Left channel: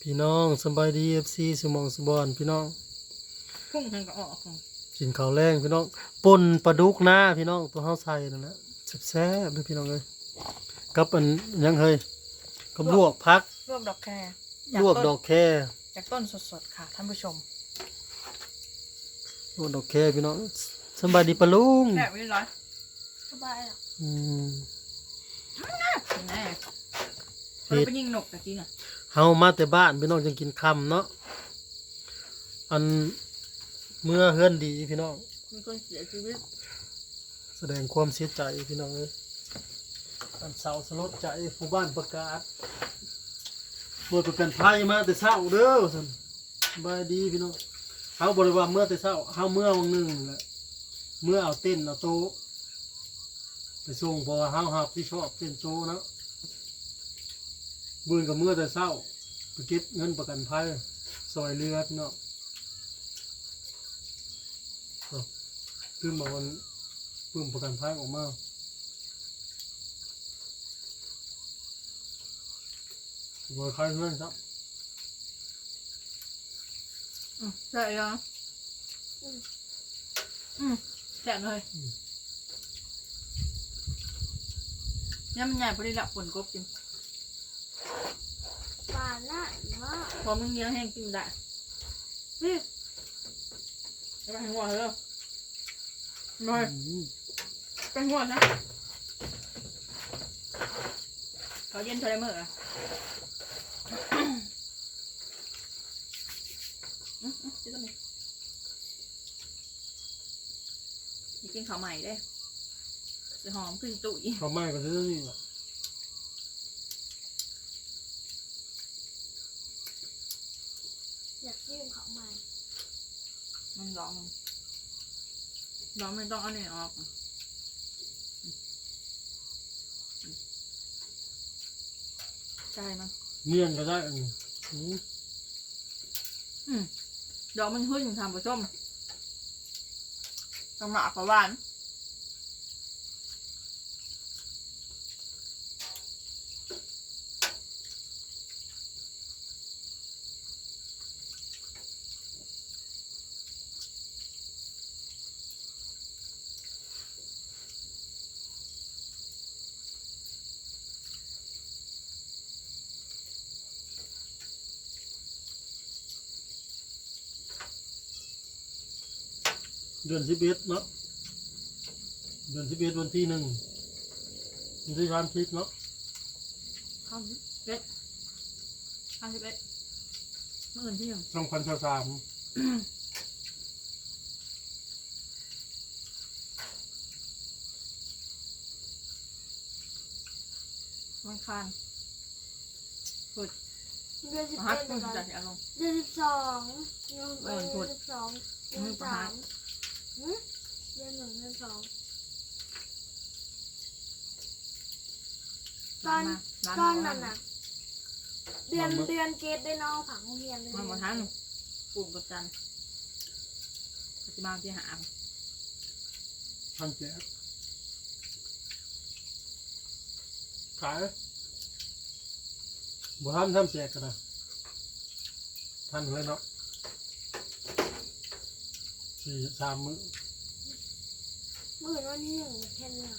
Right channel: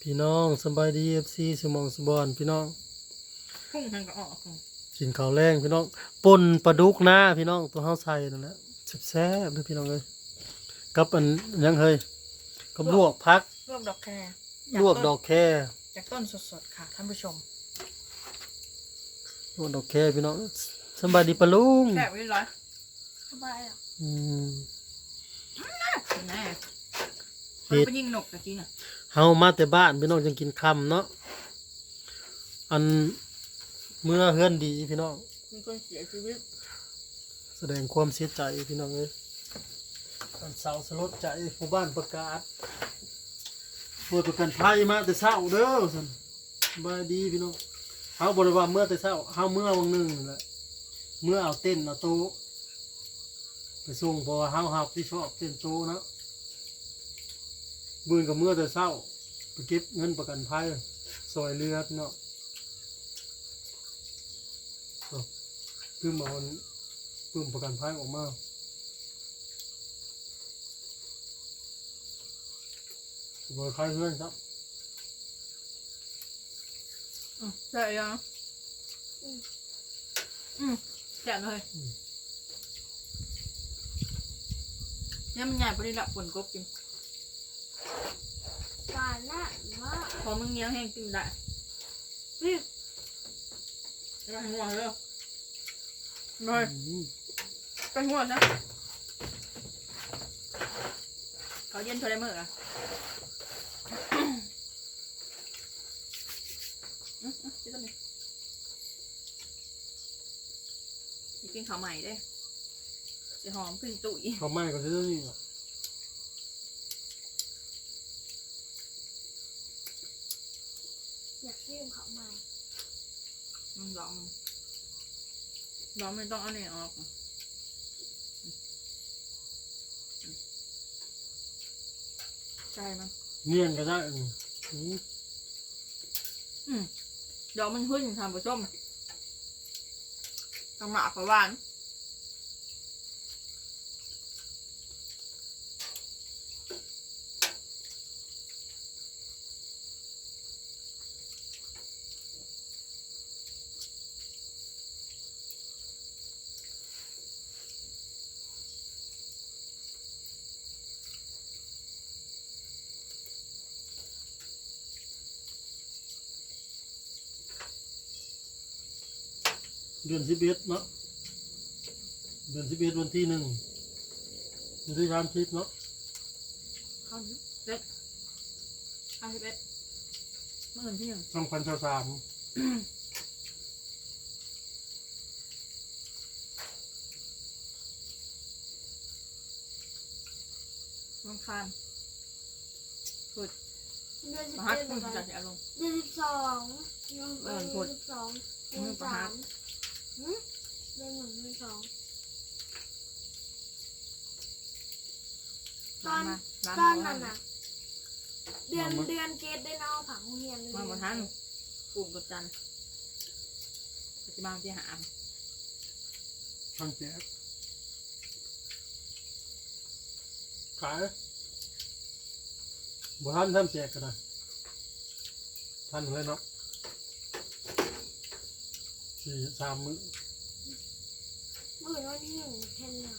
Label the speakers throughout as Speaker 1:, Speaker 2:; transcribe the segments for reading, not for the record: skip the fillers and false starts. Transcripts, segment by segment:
Speaker 1: พี่น้องสบายดีFCสมองสบอนพี่น้อง
Speaker 2: พุ่งทางก็ออก
Speaker 1: กินข้าวแรงพี่น้องป่นปลาดุกนะพี่น้องตัวเฮาใส่นั่นแหละแซ่บๆเด้อพี่น้องเอ้ยกับอันยังเฮ้ยกับลวกผัก
Speaker 2: ลวกดอกแคร
Speaker 1: ลวกดอกแค
Speaker 2: จากต้นสดๆค่ะท่านผู้ชม
Speaker 1: ลวกดอกแคพี่น้องสบายดีปะลุง
Speaker 2: แซ่บเรียบร้อย
Speaker 3: สบายอ่ะ
Speaker 2: แน่เราไปยิงนกตะกี้น่ะ
Speaker 1: เฮามาแต่บ้านพี่น้องจังกินค่ำเนาะอันเมื่อเฮือนดีพี่น้อง
Speaker 2: มีคนเสียชีวิต
Speaker 1: แสดงความเสียใจพี่น้องเอ้ยมันเศร้าสลดใจผู้บ้านประกาศเมื่อประกันภัยมาแต่เช้าเด้อซั่นสบายดีพี่น้องเฮาบ่ได้ว่าเมื่อแต่เช้าเฮาเมื่อวันหนึงนี่แหละเมื่อเอาเต้นเอาโต๊ะไปส่งเพราะว่าเฮารับที่ชอบเต้นโต๊ะเนาะบืนกับเมื่อแต่เช้าไปเก็บเงินประกันภัยซอยเรือเนาะคือมาวันปึ้มประกันภัยออกมาบริการเพื่อนครับ
Speaker 2: แซ่บยังแซ่บเลยเนี่ยมันใหญ่พอดีละฝนกบกิน
Speaker 3: หวานละมาก
Speaker 2: พอมึงเนี้ยแห้งกินได้นี่จะไปหัวเหรอเลยไปหัวซะเขาเย็นเท่าไรเมื่ออ่ะจะต้องมีกินข้าวใหม่ได้จะหอมขึ้นตุ๋ย
Speaker 1: ข้าวใหม่ก็จะนี่แหละ
Speaker 3: อยากกินของใหม่
Speaker 2: มันร้องไม่ต้องเอาเนี่ยออกใช่มั้ง
Speaker 1: เนียนก็ได้
Speaker 2: ดอกมันขึ้นทำผสมกำลังกับหวาน
Speaker 1: เดือน11เนาะเดือน11วันที่1วันที่30เนาะ
Speaker 2: 51เมื่อคืนที่1
Speaker 1: 2023
Speaker 2: วันคานพุด
Speaker 3: เดือน
Speaker 2: มหัศ
Speaker 3: 11
Speaker 2: คุณ
Speaker 3: เดือน
Speaker 2: จัดอารมณ์
Speaker 3: 12เดือน12เดือน3เดือน1เดือน2ตอนนั้นน่ะเดือนเกตได้นอกผังโรงเรียนเลย
Speaker 2: มาบนทันปลูกกดจันปฏิบัติที่หา
Speaker 1: ท่านแจ๊ขายบ่ท่านทำแจกกันนะท่านเลยเนาะ3 มื้อ
Speaker 3: วันที่1แค่นี้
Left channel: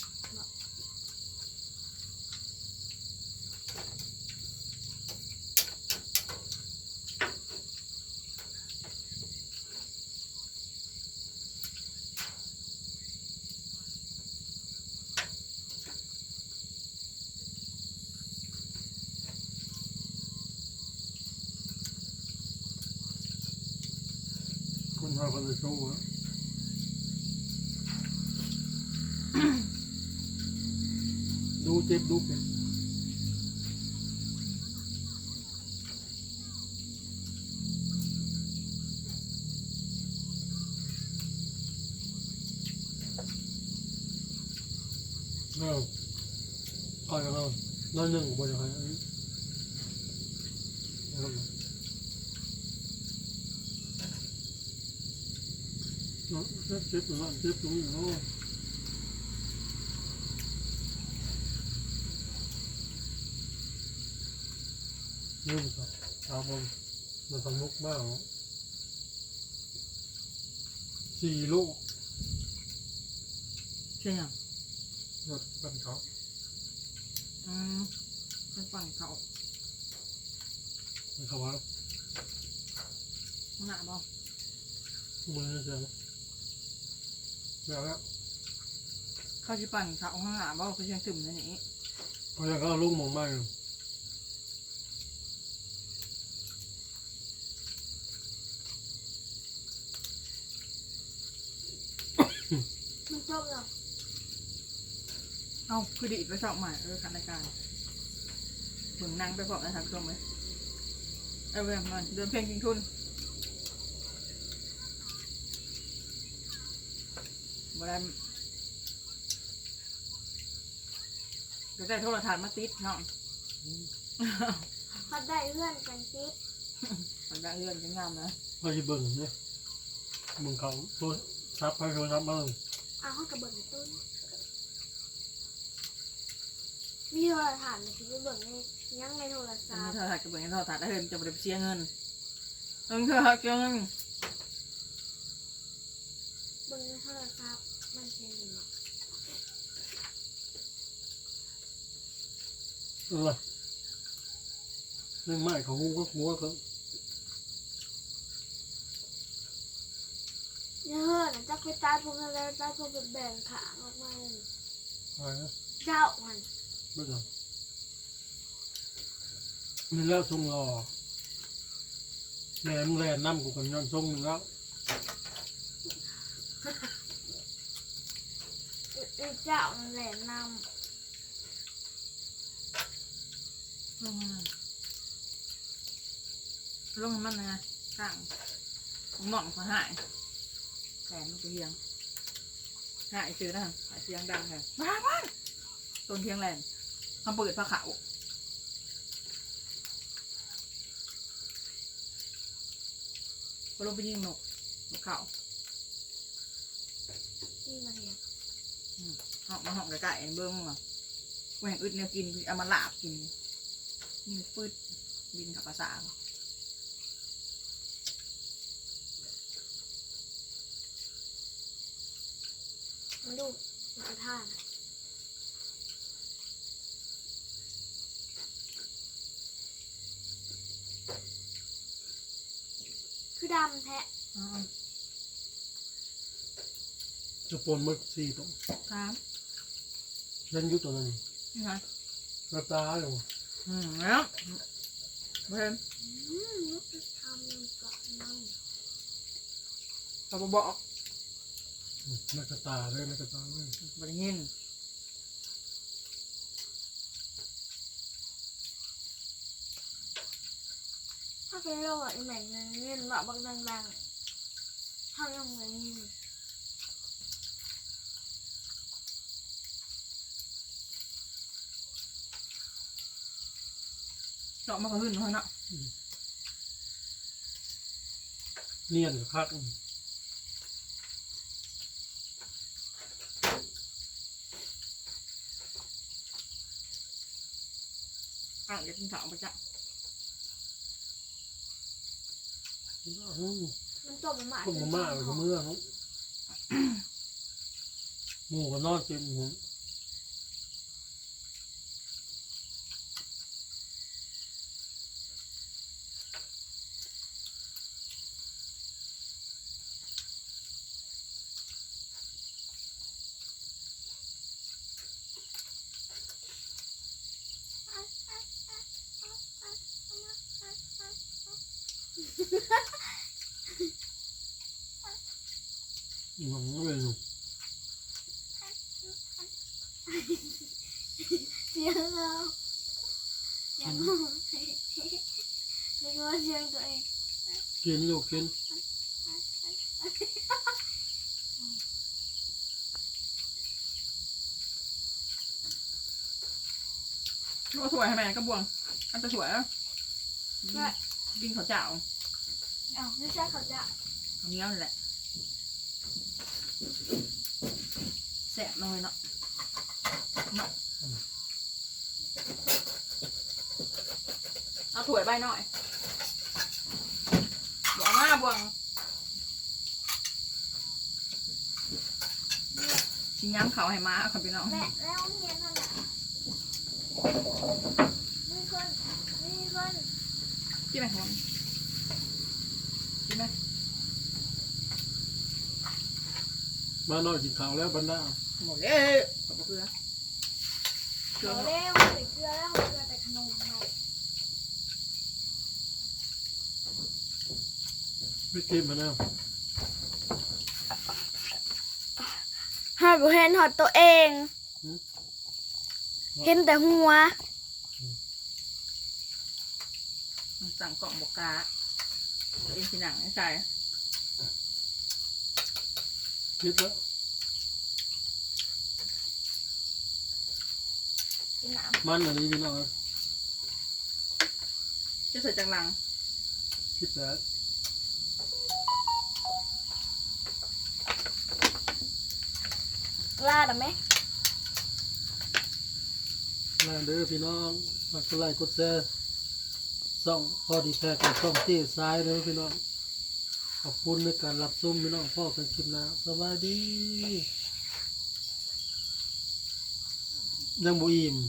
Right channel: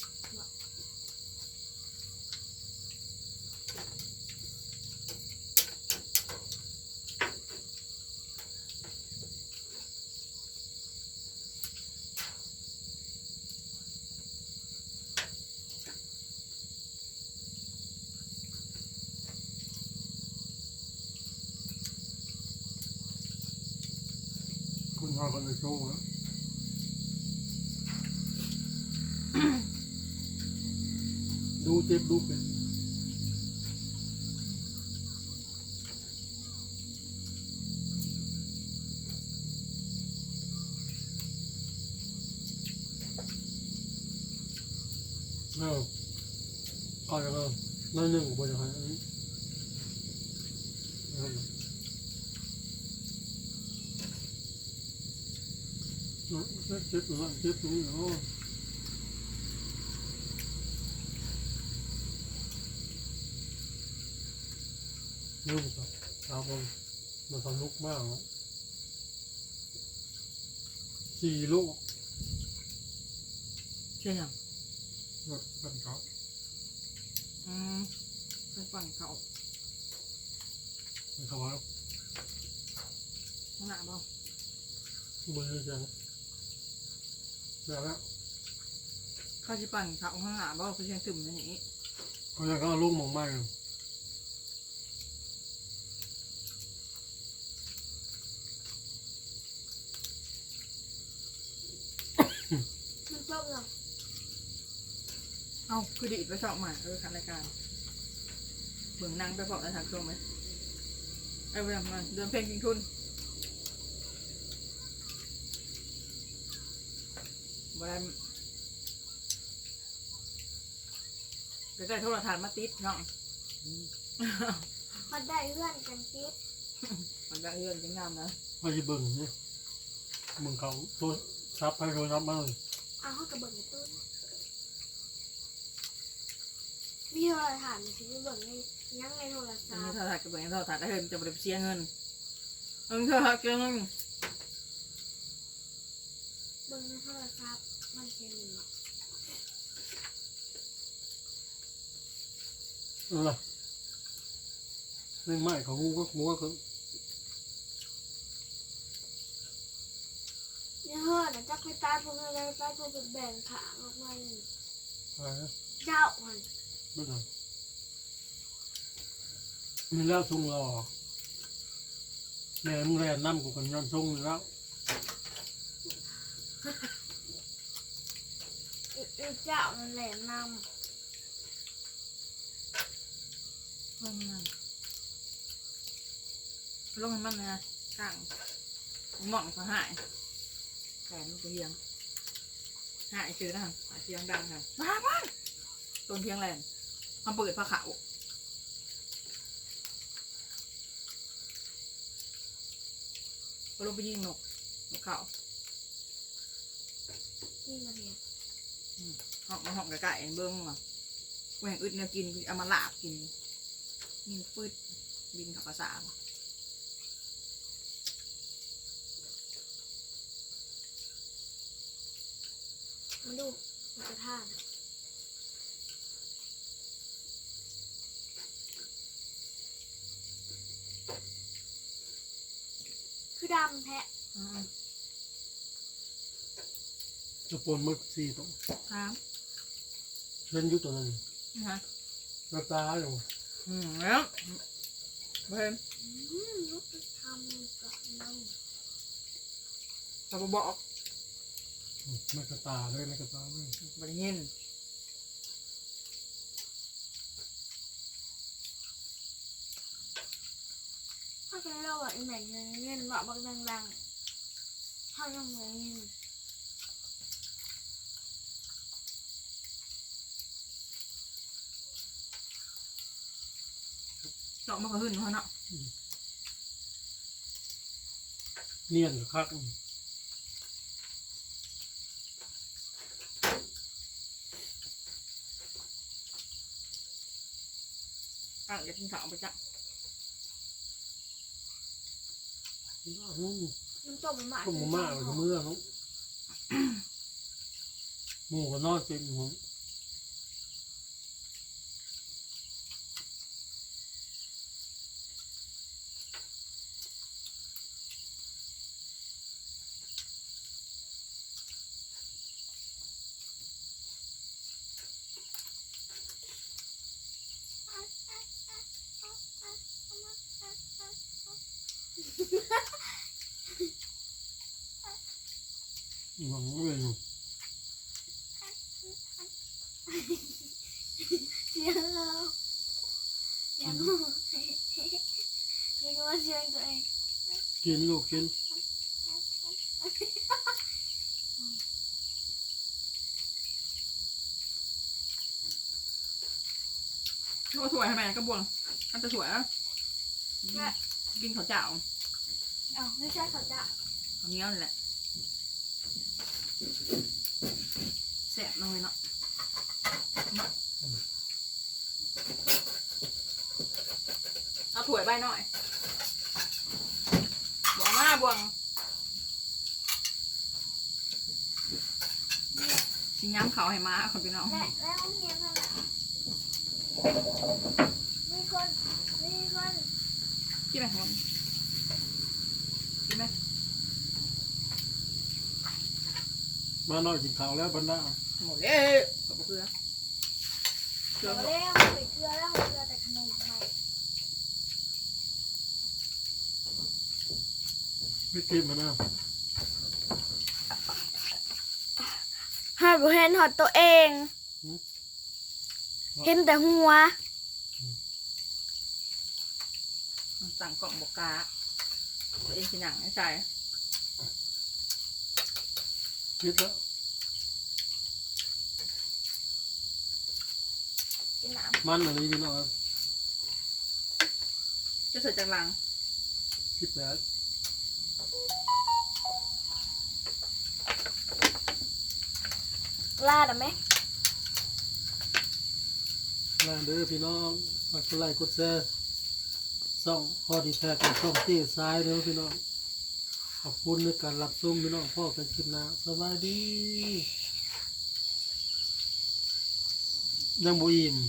Speaker 1: คุณพ่อคนจะโชว์นะดูเจ็บดูเป็นเอาอย่างนั้นนั่นหนึ่งบนอย่างไรเจ็บตัวเจ็บตรงนี้เนาะนี่ครับเอามันสนุกมาก4 ลูก
Speaker 2: เชื่อยัง
Speaker 1: รถบันเขา
Speaker 2: เป็นฝั่งเขา
Speaker 1: มันเขาว่า
Speaker 2: ข้างหน้าบ่
Speaker 1: มือจะแล้ว
Speaker 2: เขาจะปั่นเขาข้างหน้าบ่เขาเชียงตึมในนี้
Speaker 1: เขาจะเอาลูกมองมากเลย
Speaker 3: มันจบแล้ว
Speaker 2: เอาคือดีดไปสองใหม่คันรายการเบิ่งนั่งไปพร้อมในทางเครื่องไหมไอ้เวลามันเดินเพลงกิงทุนบ่ได้ก็ได้โทรทัศน์มาติดเนาะ
Speaker 3: เขาได้เพื่อนกันติด
Speaker 2: มันได้เรื่องจังงามนะ
Speaker 1: เขาจะเบิ่งเนี่ยมึงเขาตัวซับให้โทรศัพท์บ้าง
Speaker 3: เอาเขากระเบิดในต้นมีโทรศัพท์มันจะเบิดในยังในโทรศั
Speaker 2: จะ
Speaker 3: พ
Speaker 2: มี
Speaker 3: ท์
Speaker 2: โทรทัศน์กับเบิ่งโทรทัศน์ได้เห็นจะบ่ได้เสียเงินโทรทัศน์เสียเงิน
Speaker 3: เบิดในโทรศัพท์มันจะมี
Speaker 1: ไม่ไหม้ของงูก็งูก็
Speaker 3: เนี่ยเฮ้ยนะจักไปตายพวกนั้นแล้วตายพวกแบบแบ่งขาออกมาเลย
Speaker 1: อะไรนะ
Speaker 3: เจ้ามัน
Speaker 1: ไม่ต้องมันแล้วทรงรอแม่มึงแลนน้ำกูกันย้อนทรงมึงแล้ว
Speaker 3: เจ้านั่นแหละน
Speaker 2: ลงมันลงมันนะกลางหม่อนเขาหายแขนลูกเทียงหายซื้อนะหายเทียงดังค่ะว้าวต้นเทียงแลนเขาเปิดผ้าขาวก็ลงไปยิงนกเขา
Speaker 3: ำนี่มันเนี่ย
Speaker 2: ห้องมาห้องไก่เบิ้งอ่ะแหวงอึดเนี่ยกินเอามาลาบกินนี่ปืดบินกับภาษา
Speaker 3: มันดูมันจะท่านะคือดำแท้
Speaker 1: จะปนมึก4 ตัว
Speaker 2: ครับ
Speaker 1: เช่นยุตัวนั้น
Speaker 2: นี่ฮะ
Speaker 1: กระตาอยู่
Speaker 2: แล้วเพิ่ม
Speaker 3: ลูกจะทำกับมัน
Speaker 2: เราบอก
Speaker 1: ไม่กระตาเลยไม่กระตาเลย
Speaker 2: บริยิน
Speaker 3: ถ้าเป็นโรคไอ้แม่เงินหลอกบักดังๆเขายังเงิน
Speaker 2: เจาะมากระหึ่นเขาเนาะ
Speaker 1: เนียนกับคัก
Speaker 2: อ่ะจะกินข้าวไปจ้ะ
Speaker 3: มันตบมันหมา
Speaker 1: พวกมาม่ากับเมื่อเขาหมูก็นอนเป็นหัว มันไม่เป็น
Speaker 3: เสียงเราอย่างนู้นยังว่าเสียงตัวเอง
Speaker 1: กินลูกกิน
Speaker 2: ก็สวยให้แม่ก็บวงอันจะสวยอ่ะกินข้าวเจ้า
Speaker 3: อ้าวไม่ใช่เขาจะ
Speaker 2: อันนี้นั่นแหละแสบเลยเนาะเอาถ้วยใบหน่อยบวงมาบวงชิ้นย้ำเขาให้มาคนพี่น้อง
Speaker 3: แล้วโรงเรียนนั่นน่ะมีคน
Speaker 2: กินไหมคนกินไหม
Speaker 1: มาหน่อยกินข้าวแล้วบรรดา
Speaker 2: หมดเลยขอบคุณเกลือ
Speaker 3: เอาแล้วใส่เกลือแล้วเกลือแต่ขนมใหม่
Speaker 1: ไม่กินมาแล้ว
Speaker 3: หอดบ่เห็นหอดตัวเอง เห็นแต่หัว
Speaker 2: สั่งกล่องบอกกาตัวเองสิหนังไอ้ใจ
Speaker 1: คิดแล้ว
Speaker 3: กินน้
Speaker 1: มันอันนี้พี่น้องครับ
Speaker 2: จะใส่จังหลัง
Speaker 1: คิดแล้ว
Speaker 3: ำลาดอ่ะไหม
Speaker 1: ลาเด้อพี่น้องฝากกดไลค์กดแชร์ส่องพอดีแท้กับช่องเต้ซ้ายเด้อพี่น้องขอบคุณในการรับชมพี่น้องพ่อกันคลิปหน้าสวัสดียังบ่อิ่ม